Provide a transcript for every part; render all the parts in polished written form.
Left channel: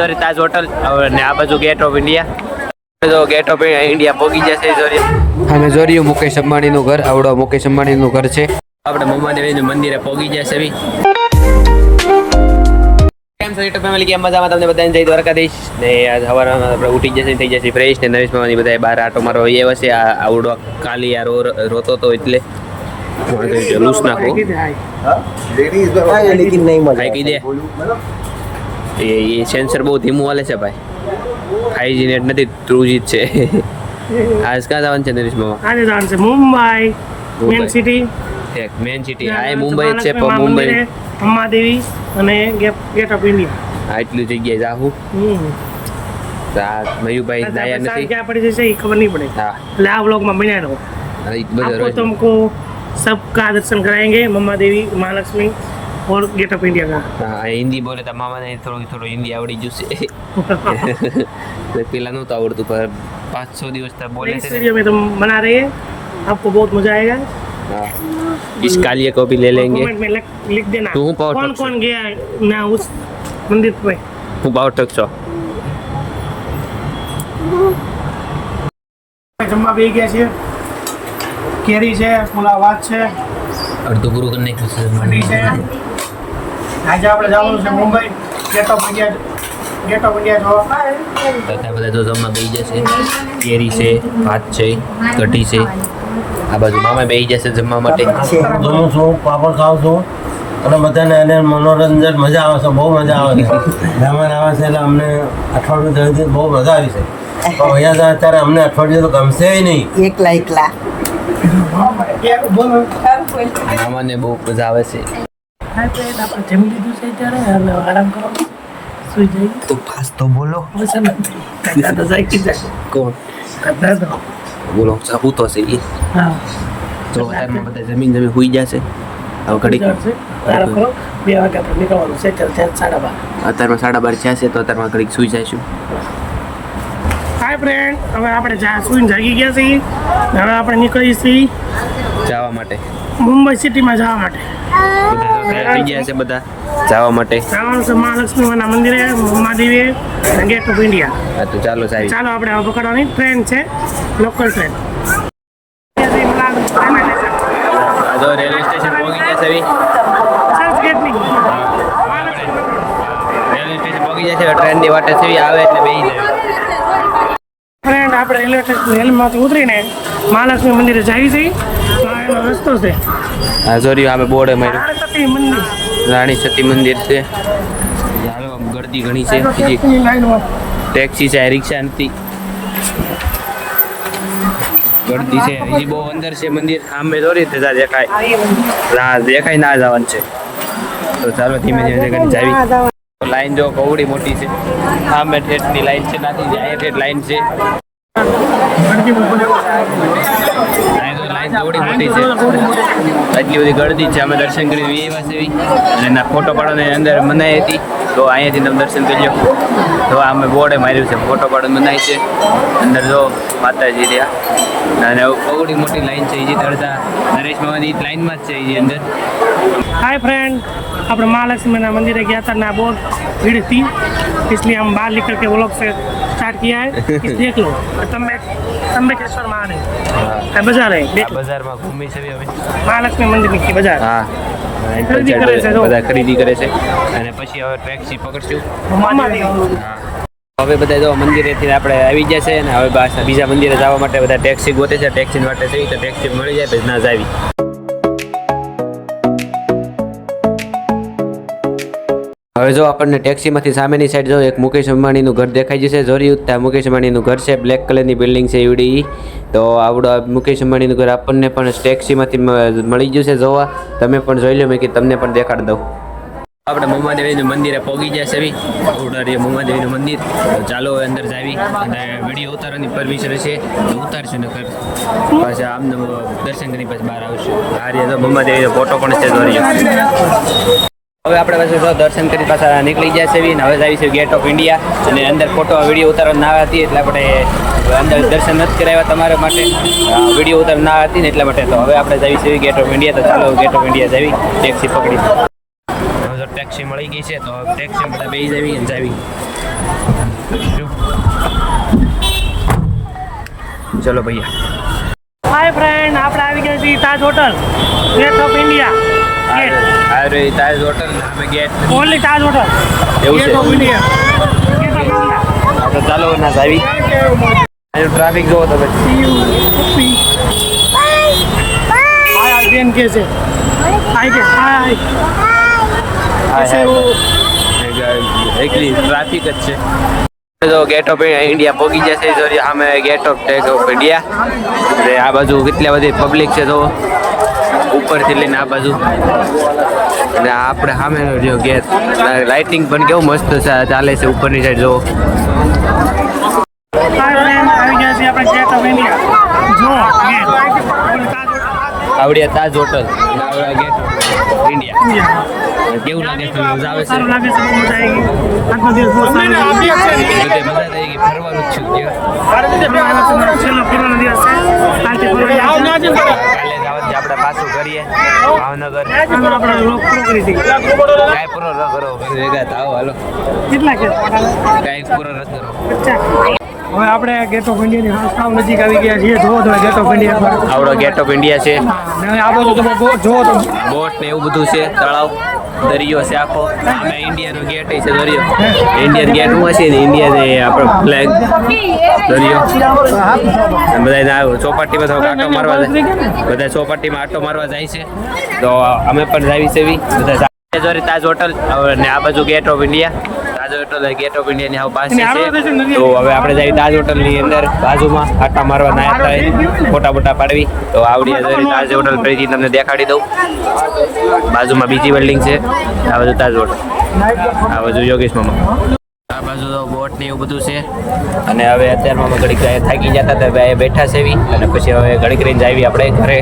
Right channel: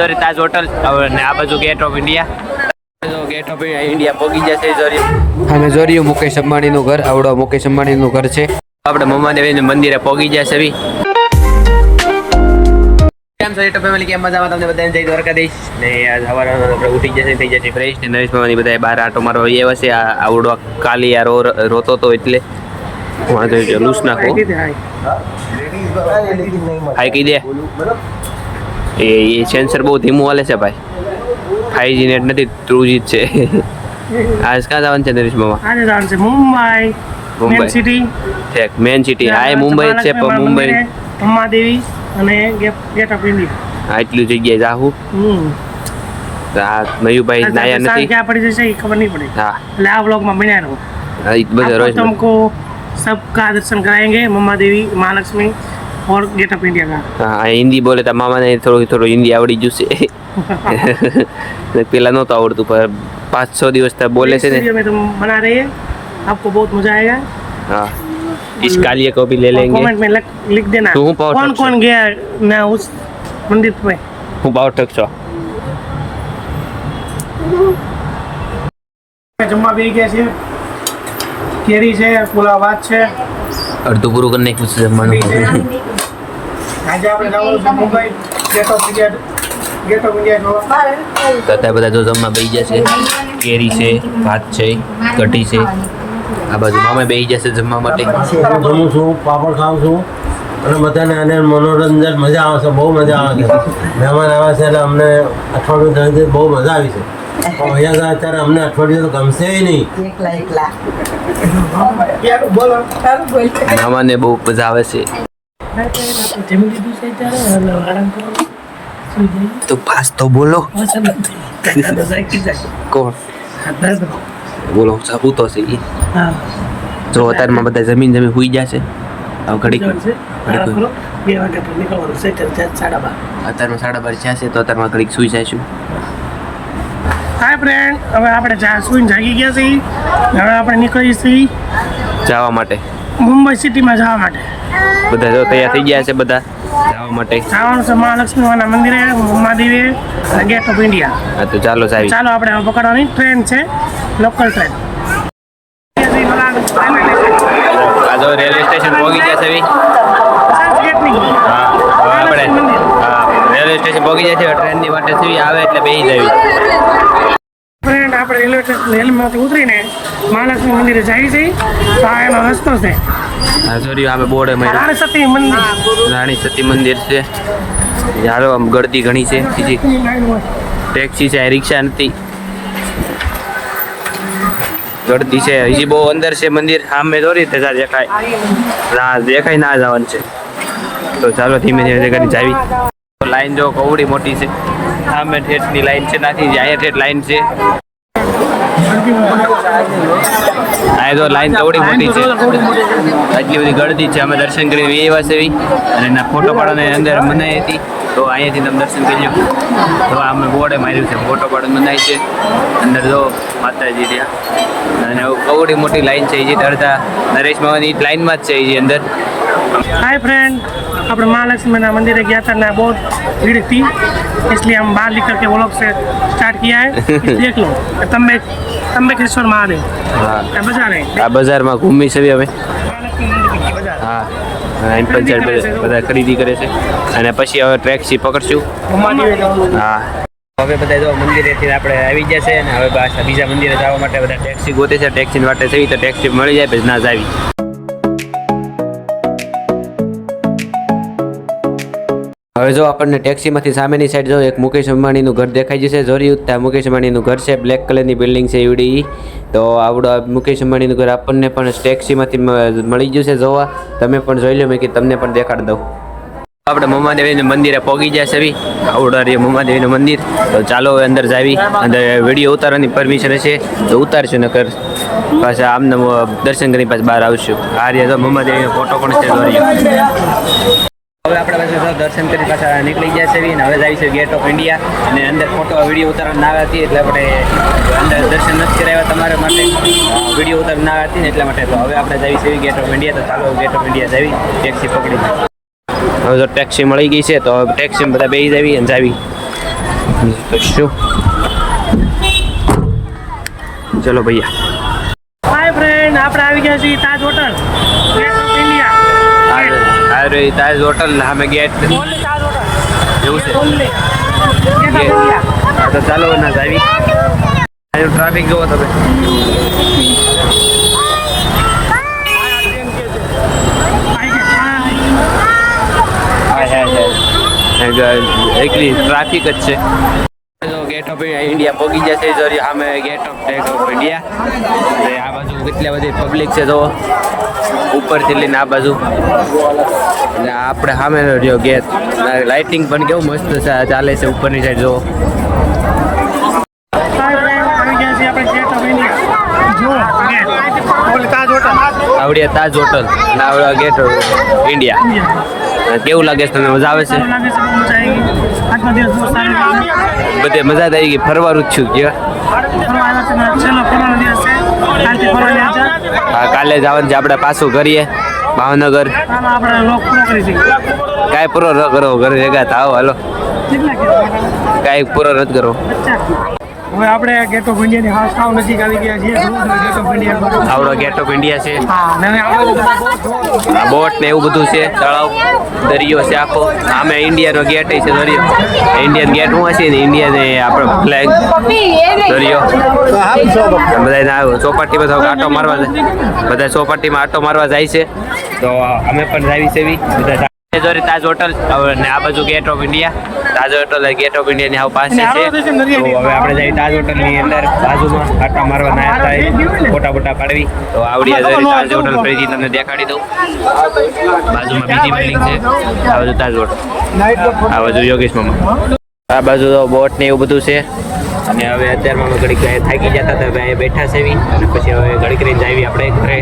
જોરી તાજ hotel ને આ બાજુ ગેટ ઓફ ઇન્ડિયા. તો ગેટ ઓફ ઇન્ડિયા પહોંચી જશે જોરી. અમે જોર્યું મુકેશ અંબાણીનું ઘર. આવડો મુકેશ અંબાણીનું ઘર છે. આપણે મમ્માદેવીનું મંદિરે પહોંચી જશે બી. કેમ છો યુટ્યુબ ફેમિલી? કેમ મજામાં? તમને બધાને જય દ્વારકાધીશ. ને આજ સવારમાં આપણે ઉઠી જશે, થઈ જશે ફ્રેશ. ને નરેશ મામાની બધા બહાર આટો મારો આવ્યા છે. આવડો કાલી આ રોતો તો એટલે લૂસ નાખો. હાઈ કહી દે. એ સેન્સર બહુ ધીમું હાલે છે ભાઈ. 5G નેટ નથી, 2G છે. આજ ક્યાં જવાનું છે નરેશ મામા? આજે જવાનું છે Mumbai, main city. Main city હા, મુંબઈ જ છે. પણ મુંબઈ અંબાદેવી અને ગેટ ઓફ ઇન્ડિયા હા, એટલી જગ્યાએ જાહું. મયુભાઈ નાયા નથી. ક્યાં પડી જશે એ ખબર નહીં પડે. હા, એટલે આ વ્લોગમાં બન્યા રહો. બધા રોજ तुमको सबका दर्शन कराएंगे, मम्मा देवी, महालक्ष्मी और गेट ऑफ इंडिया का. હા, હિન્દી બોલે તો મામાને થોડું હિન્દી આવડી જશે. પેલા નહોતું આવડતું, પણ 5-6 દિવસ તક બોલે છે ને. में तुम बना रहे हैं, आपको बहुत मजा आएगा. हाँ, इस कालिए को भी ले लेंगे. कमेंट में लिख देना तो पावर कौन कौन गया ना उस मंदिर पे. હું પાવર ટક છો. જમવા બેસી ગયા છે. કેરી છે, પુલાવ ભાત છે, અડધું પૂરું કરી નાખ્યું છે જમવાનું. આજે આપણે જવાનું છે મુંબઈ ગેટ ઓફ ઇન્ડિયા જોવા. તો અત્યારે બધા જો જમવા બેસી જશે. કેરી છે, ભાત છે, કઢી છે. આ બાજુ મામા બેસી જશે જમવા માટે. જમું છું, પાપડ ખાઉં છું અને બધાને એને મનોરંજન મજા આવે છે, બહુ મજા આવે છે. મહેમાન આવે છે એટલે અમને અઠવાડિયું દરમિયાન બહુ મજા આવી છે. પણ અહીંયા જાય ત્યારે અમને અઠવાડિયું તો ગમશે નહીં. એકલા મામાને બહુ મજા આવે છે. આપણે જમી લીધું છે ત્યારે હવે આરામ કરવાનો. સુઈ જઈએ તો પાસ તો બોલો. કોણ બોલો? હું તો છે એ. હા, જો અત્યારમાં બધા જમીન હુઈ જશે. હવે ઘડીક આરામ કરો. 2 વાગે આપણે નીકળવાનું છે. અત્યારે 12:30. અત્યારમાં 12:30 થયા છે તો અત્યારમાં ઘડીક સુઈ જઈશું. હાય ફ્રેન્ડ, હવે આપણે સુઈને જાગી ગયા છીએ. હવે આપણે નીકળીએ છીએ જવા માટે. મુંબઈ સિટીમાં જવા માટે. બધા જો તૈયાર થઈ ગયા છે બધા જવા માટે. જવાનું છે મહાલક્ષ્મીના મંદિરે, મહાદેવી અને ગેટ ઓફ ઇન્ડિયા. હા, તો ચાલો સાહેબ. ચાલો આપણે હવે પકડવાની ટ્રેન છે, લોકલ ટ્રેન. આ જો રેલવે સ્ટેશન પહોંચી ગયા છે બી. ચર્ચ ગેટની. હા, હવે આપણે રેલવે સ્ટેશન પહોંચી જાય છે. ટ્રેનની વાટે છે આવે એટલે બેસી જવી. ફ્રેન્ડ, આપણે રેલમાંથી ઉતરીને મહાલક્ષ્મી મંદિરે જઈએ છીએ. આ એનો રસ્તો છે. હા, સોરી, અમે બોર્ડ માર્યું. રાણી સતી મંદિર. રાણી સતી મંદિર છે. યારો આમ ગળદી ઘણી છે. ટેક્સીની લાઈન હોય. ટેક્સી છે, રિક્ષા નથી. ગળદી છે. હજી બહુ અંદર છે મંદિર. સામે દોરી ત્યાં દેખાય ના જવાનું છે. તો ચાલો ધીમે ધીમે કરી જાવી. લાઈન જો કવડી મોટી છે. સામે ઠેઠની લાઈન છે, નાથી અહીંયા ઠેઠ લાઈન છે. આ તો લાઈન કવડી મોટી છે. એટલી બધી ગળદી છે. અમે દર્શન કરી આવ્યા છે અને એના ફોટો પાડવાની અંદર મનાઈ હતી. તો અહીંયાથી તમે દર્શન કરી લો. તો અમે બોર્ડે માર્યું છે, ફોટો પાડવાની મનાઈ છે. અંદર જો માતાજી ત્યાં અને કવડી મોટી લાઈન છે. એ અડધા નરેશ મામાની લાઈનમાં જ છે એ અંદર. हाय फ्रेंड, આપણે महालक्ष्मी मंदिर गया था ना, बहुत भीड़ थी, इसलिए हम बाहर निकल के वो लोग से स्टार्ट किया है. देख लो त्र्यंबकेश्वर महादेव. હા, बाजार है, આ બજારમાં ઘૂમી છે હવે. महालक्ष्मी मंदिर की बाजार. હા, એમ પંચાયત બધા ખરીદી કરે છે અને પછી હવે ટેક્સી પકડશું. હા, હવે બધા જો મંદિરેથી આપણે આવી ગયા છે અને હવે પાછા બીજા મંદિરે જવા માટે બધા ટેક્સી ગોતે છે. ટેક્સી માટે થઈ તો ટેક્સી મળી જાય પછી ના જ આવી. હવે જો આપણને ટેક્સીમાંથી સામેની સાઈડ જો એક મુકેશ અંબાણીનું ઘર દેખાઈ જશે. જોર્યું ત્યાં મુકેશ અંબાણીનું ઘર છે. બ્લેક કલરની બિલ્ડિંગ છે એવડી. તો આવડો મુકેશ અંબાણીનું ઘર આપણને પણ ટેક્સીમાંથી મળી જશે જોવા. તમે પણ જોઈ લો, મેં કે તમને પણ દેખાડી દઉં. આપણે મમ્માદેવીનું મંદિરે પહોંચી ગયા છે. આવડા રે મમ્માદેવીનું મંદિર. તો ચાલો અંદર જાવી. અંદર વિડીયો ઉતારવાની પરમિશન હશે તો ઉતારશું, નકર પાછા આમને દર્શન કરી પાછા બહાર આવશું. આ રીતે તો મમ્માદેવીનો ફોટો પણ છે. જોર્યો હવે આપણે પાછું દર્શન કરી પાછા નીકળી ગયા છે અને હવે જઈશું ગેટ ઓફ ઇન્ડિયા. અને અંદર ફોટો વિડીયો ઉતારવા ના હતી એટલે આપણે અંદર દર્શન નથી કરાવ્યા તમારા માટે. વિડીયો ઉતારવા ના હતી ને એટલા માટે. તો હવે આપણે જઈશું ગેટ ઓફ ઇન્ડિયા. તો ચાલો ગેટ ઓફ ઇન્ડિયા જવી ટેક્સી પકડી. હવે જો ટેક્સી મળી ગઈ છે તો ટેક્સીમાં બધા બેસી જાવી અને જાવી. શું ચલો ભૈયા હાય ફ્રેન્ડ, આપણે આવી ગયા છીએ તાજ હોટલ, ગેટ ઓફ ઇન્ડિયા. આ રહી તાજ હોટલ ને સામે ગેટ ઓનલી તાજ હોટલ એવું છે ઓનલી ગેટ ઓફ ઇન્ડિયા. હા તો ચાલો ના આવી અહીંનું ટ્રાફિક જોવો તમે આ ટ્રેન કે છે હાય છે હાય. હાય એકલી ટ્રાફિક જ છે તો ગેટ ઓફ ઇન્ડિયા પહોંચી જશે સોરી સામે ગેટ ઓફ ઇન્ડિયા એટલે આ બાજુ કેટલી બધી પબ્લિક છે તો ઉપરથી લઈને આ બાજુ અને આપણે સામે રહ્યો ગેટ લાઇટિંગ પણ કેવું મસ્ત ચાલે છે ઉપરની સાઈડ જો હાય ફ્રેન્ડ, આવી ગયા છીએ આપણે ગેટ ઓફ ઇન્ડિયા. જો ગેટ ઓનલી તાજ હોટલ આવડ્યા તાજ હોટલ અને આવડ્યા ગેટ ઓફ ઇન્ડિયા ઇન્ડિયા. કેવું લાગે છે તમને મજા આવે છે સારું લાગે છે, બહુ મજા આવી ગઈ. આજનો દિવસ બહુ સારો ગયો. બધે મજા આવી ગઈ ફરવાનું જ છું ફરવા આવ્યા છે ને, છેલ્લો ફરવાનો દિવસ છે. કાલથી ફરવા ગયા છે. હા કાલે જવાનું છે આપણે પાછું કરીએ ભાવનગર હાલો આપણે લોક પૂરો કરી દઈએ. કાંઈ પૂરો ન કરો ઘરે ભેગા થાવ હાલો કેટલા કે કાંઈ પૂરો નથી કરો હવે આપણે ગેટ ઓફ ઇન્ડિયાની હાઉસ સાવ નજીક આવી ગયા છીએ. જુઓ તમે ગેટ ઓફ ઇન્ડિયા પર. આવડો ગેટ ઓફ ઇન્ડિયા છે હા, ને હવે આપણે તમે જુઓ તમે. આ બોટ ને એવું બધું છે તળાવ દરિયો છે આખો આમે ઇન્ડિયાનો ગેટ છે દરિયો ઇન્ડિયન ગેટ હું હશે ને ઇન્ડિયાને આપણો ફ્લેગ દરિયો બધા ચોપાટીમાં તો આટો મારવા જાય બધા ચોપાટીમાં આટો મારવા જાય છે તો અમે પણ જાવી છે એવી બધા સોરી તાજ હોટલ ને આ બાજુ gate of India Taj hotel gate of ઇન્ડિયાની હાવ પાસે છે તો હવે આપણે જઈએ તાજ હોટલની અંદર બાજુમાં આટા મારવા નાયા થાય ફોટા બોટા પાડવી તો આવડી જરી તાજ હોટલ ફરીથી તમને દેખાડી દઉં બાજુમાં બીજી બિલ્ડિંગ છે આ બાજુ તાજ હોટલ આ બાજુ યોગેશ મામા આ બાજુ તો બોટ ને એવું બધું છે અને હવે અત્યારમાં અમે ઘડીક થાકી જતા હતા ભાઈ બેઠા છે એવી અને પછી હવે ઘડીક રહીને જાવી આપણે ઘરે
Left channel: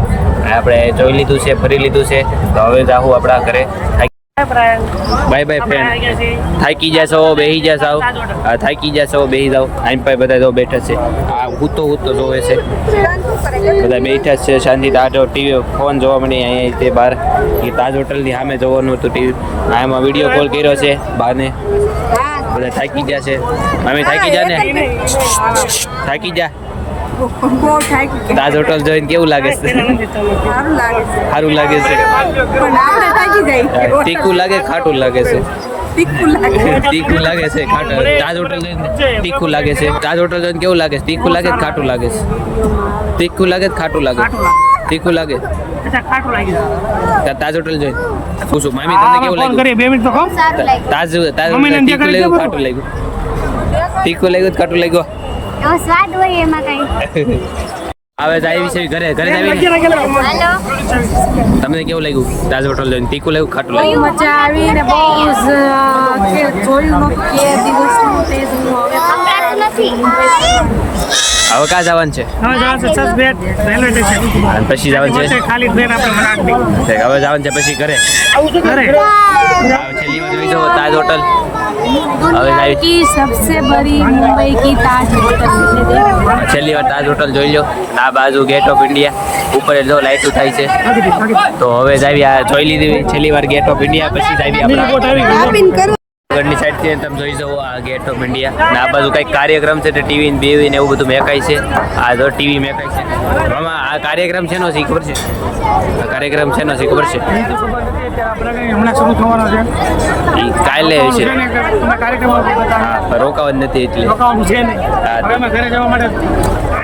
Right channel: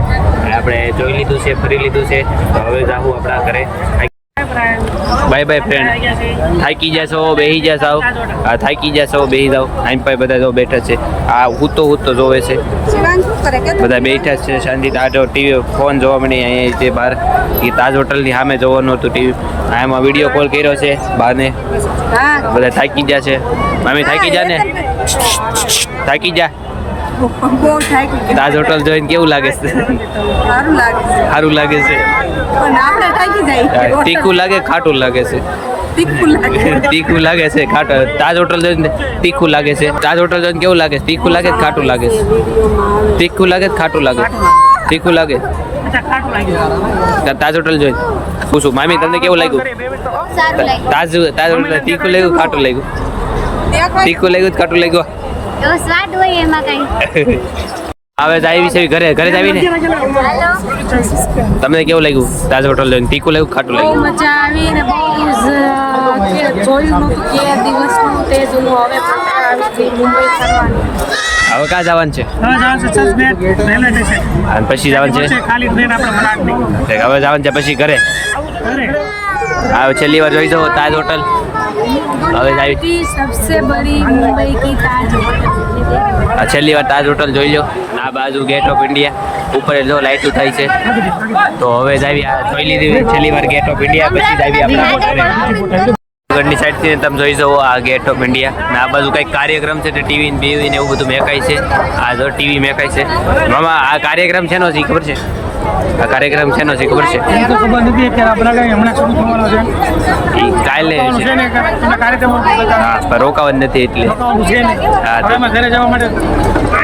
આપણે જોઈ લીધું છે ફરી લીધું છે તો હવે જાવું આપણા ઘરે બાય બાય ફ્રેન્ડ થાકી જશો બેસી જશો થાકી જશો બેસી જાઓ આઈમ પાઈ બધા જો બેઠા છે આ હું તો જોવે છે બધા બેઠા છે શાંતિ તાજો ટીવી ફોન જોવા મળે અહીંયા તે બહાર એ તાજ હોટલની સામે જોવાનું હતું ટીવી આમાં વિડીયો કોલ કર્યો છે બહારને બધા થાકી ગયા છે મામી થાકી જા ને થાકી જા બહુ થાકી ગયા. તાજ હોટલ જોઈને કેવું લાગે છે સારું લાગે છે સારું લાગે છે પણ આપણે થાકી જાય. તીખું લાગે ખાટું લાગે છે તીખું લાગે. તીખું લાગે છે ખાટું તાજ હોટલ જોઈને તીખું લાગે છે તાજ હોટલ જોઈને કેવું લાગે છે તીખું લાગે કે ખાટું લાગે છે તીખું લાગે કે ખાટું લાગે તીખું લાગે અચ્છા, ખાટું લાગ્યું. તાજ હોટલ જોઈને પૂછું મામી તમને કેવું લાગ્યું કરીએ, 2 મિનિટ તો ખાઓ. તાજ હોટલ તીખું લાગ્યું ખાટું લાગ્યું તીખું લાગ્યું કે ખાટું લાગ્યું એવો સ્વાદ હોય એમાં કઈ. હવે તો આવી છે ઘરે ઘરે જ આવીને તમને કેવું લાગ્યું તાજ હોટલ જોઈને તીખું લાગ્યું ખાટું બહુ લાગ્યું મજા આવી ને બહુ જોયું નહોતું કે દિવસનું તે જોયું. હવે પણ આવી ગઈ મુંબઈ ફરવાનું. હવે ક્યાં જવાનું છે હવે જવાનું છે ચર્ચગેટ રેલવે સ્ટેશન. અને પછી જવાનું છે ખાલી ટ્રેન આપણે મનાડની હવે જવાનું છે પછી ઘરે ઘરે. હવે છેલ્લી વાર જોઈ જાઓ તાજ હોટલ હવે આવી की सबसे बड़ी मुंबई की ताज होटल मैंने देखी. આ છેલ્લી વાર તાજ હોટલ જોઈ લો અને આ બાજુ ગેટ ઓફ ઇન્ડિયા ઉપર જો લાઇટું થાય છે તો હવે જ આવી આ જોઈ લીધી છેલ્લી વાર ગેટ ઓફ ઇન્ડિયા પછી જ આવી આપણા આગળની સાઈડથી તમે જોઈ જાઓ આ ગેટ ઓફ ઇન્ડિયા ને આ બાજુ કંઈક કાર્યક્રમ છે તે ટીવી ને બીવી ને એવું બધું મેકાય છે આ જો ટીવી મેકાય છે મામા આ કાર્યક્રમ શેનો છે ખબર છે આ કાર્યક્રમ શેનો છે ખબર છે એ તો ખબર નથી અત્યારે આપણે કઈ હમણાં શરૂ થવાનો છે. એ કાલે રોકાવાનું છે છે ને કે તમે કાર્યક્રમ બતાવો. હા પણ રોકાવાનું નથી એટલે રોકાવાનું છે ને. હા, તો- હવે અમે ઘરે જવા માટે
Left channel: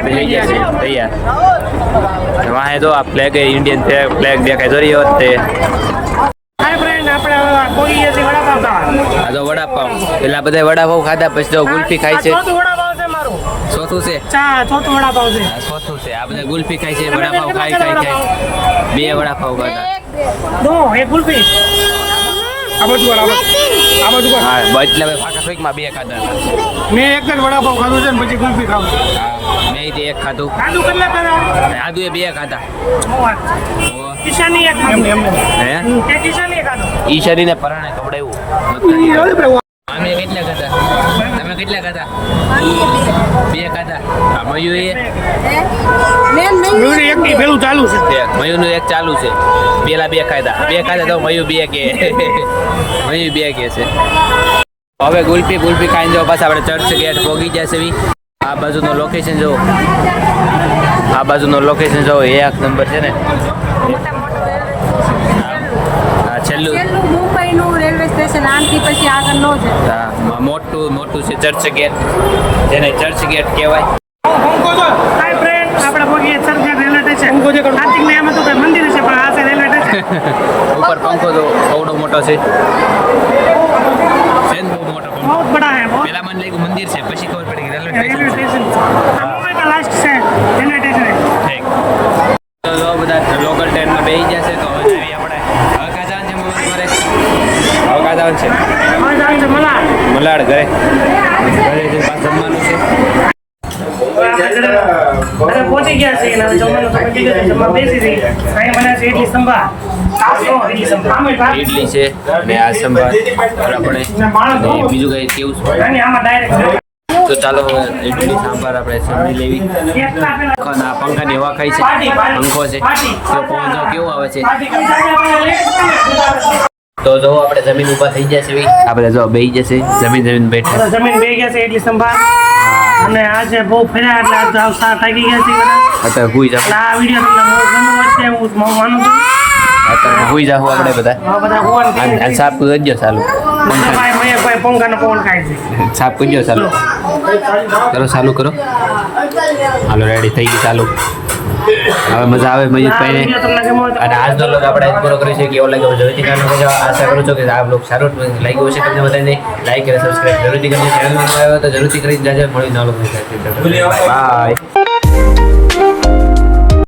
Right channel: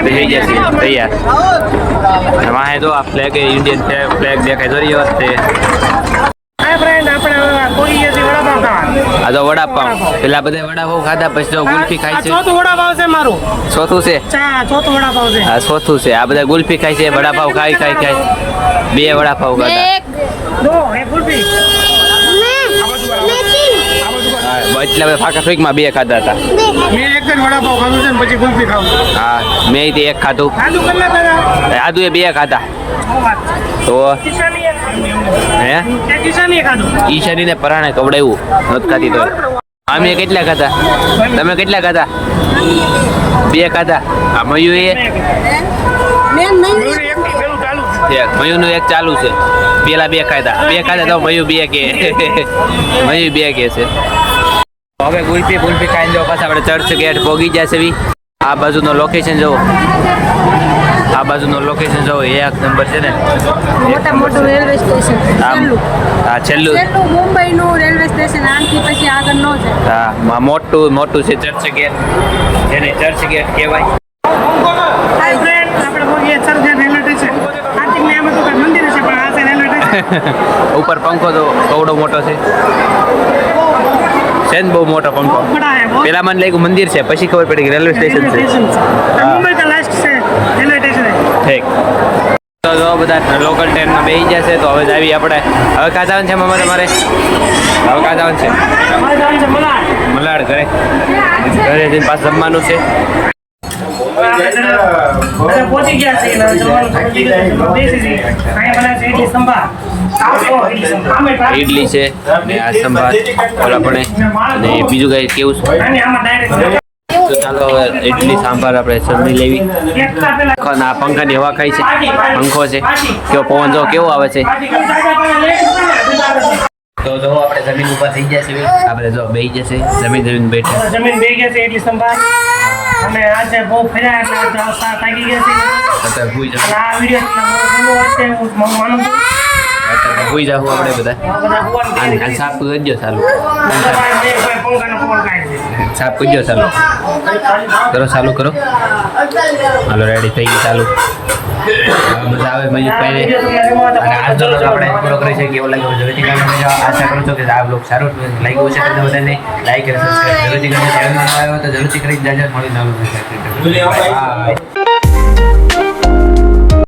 થઈ જશે તૈયાર અને વાહે જો આ ફ્લેગ ઇન્ડિયન ફ્લેગ દેખાય જો રહ્યો તે હાય ફ્રેન્ડ, આપણે હવે કોઈ જઈએ છીએ વડાપાવ ખાવા. આ તો વડાપાવ પેલા બધા વડાપાવ ખાધા પછી તો ગુલ્ફી ખાય છે ચોથું વડાપાવ છે મારું. ચોથું છે ચોથું વડાપાવ છે. આ ચોથું છે આ બધા ગુલ્ફી ખાય છે વડાપાવ ખાય બે વડાપાવ ખાધા નો, એક ગુલ્ફી. આ બાજુ વાળા. આ બાજુ વાળા. હા એટલા બધા ફાકા ફીકમાં બે ખાધા હતા મેં એક જ વડાપાવ ખાધું છે ને પછી ગુલ્ફી ખાવું છું. હા મેં તે એક ખાધું ખાધું કેટલા ખાધા? આદુ એ બે ખાધા બહુ વાત. તો કિશાની એક ખાધું એમને. હે એ કિશાની એક ખાધું. ઈ શરીરને પરાણે કવડાવ્યું નથી ખાધી તો આમે કેટલા ખાધા તમે કેટલા ખાધા મામીએ બે. બે ખાધા આ મયુ એ હે? મેં નહીં જોઈને એક ની પેલું ચાલુ છે. મયુનું એક ચાલુ છે પેલા બે ખાધા તો મયુ બે કે મયુ બે કે છે હવે ગુલ્ફી ખાઈને જો પાછા આપણે ચર્ચ ગેટ પહોંચી જશે બી. આ બાજુનો લોકેશન જો, આ બાજુનો લોકેશન જો, એક નંબર છે ને. મોટું રેલવે સ્ટેશન છેલ્લું હા છેલ્લું મુંબઈનું રેલવે સ્ટેશન આનાથી પછી આગળ ન જાય. હા મોટું છે ચર્ચ ગેટ, જેને ચર્ચ ગેટ કહેવાય. હાય ફ્રેન્ડ, આપણે પહોંચીએ ચર્ચગેટ રેલવે સ્ટેશન. કાર્તિક ને આમાં તો કઈ મંદિર છે, પણ આ છે રેલવે સ્ટેશન. ઉપર પંખો તો કવડો મોટો છે ને, બહુ મોટો બહુ પંખો. બડા હે બહુ. પેલા મને લાગ્યું મંદિર છે, પછી ખબર પડી કે રેલવે રેલવે સ્ટેશન છે. સ્ટેશન છે મુંબઈ का लास्ट से रेलवे स्टेशन है. ઠીક. તો જો બધા લોકલ ટ્રેનમાં બેસી જશે. તો હવે આવી આપણે હવે કાં જવાનું છે મારે હવે કાં જવાનું છે હવે જવાનું છે મલાડ. મલાડ ઘરે જઈને પાછું જમવાનું છે. હવે આપણે ઘરે પહોંચી ગયા છીએ અને હવે જમવાનું તો પતી ગયું છે. જમવા બેસી જઈએ. અહીંયા બનાવે છે ઇડલી સંભાર. ઇડલી સંભાર ઇડલી છે અને આ સંભાર ઓલા પણ અને બીજું કઈ કેવું છે. નાની આમાં ડાયરેક્ટ તો ચાલો હવે ઇડલી સાંભાર આપણે જમી લેવી. આ પંખાની હવા ખાઈ છે, પંખો છે, કેવો પવન જો કેવો આવે છે. તો જો આપણે જમીન ઉપર થઈ જશે આપણે જો બેસી જશે જમીન બેઠા. જમીન બે ગયા છે ઇડલી સંભાર. અને આજે બહુ ફર્યા એટલે આજે સાત થાકી ગયા છે. અત્યારે ભૂઈ જાવ એટલે આ વિડીયો તમને બહુ ગમ્યો હશે હું માનું છું. અત્યારે ભૂઈ જાવ આપણે બધા. આ બધા ભગવાન અને સાફ કરી દો ચાલુ ભાઈ મહેશભાઈ પંખાનો પવન ખાય છે. સાફ કરી દો ચાલુ ચાલુ કરો. હાલો રેડી થઈ ગઈ ચાલુ. હવે મજા આવે મયુરભાઈને. વિડીયો તમને ગમ્યો હોય તો અને આજનો લોક આપણે પૂરો કરી છે. કેવો લાગ્યો જરૂરથી કહેજો. આશા કરું છું કે આ બ્લોગ સારો લાગ્યો હશે તમને બધાને. લાઈક અને સબસ્ક્રાઈબ જરૂરથી કરજો. ચેનલમાં નવા આવ્યો તો જરૂરથી કરી જ જાજો. મળી ના લો બાય.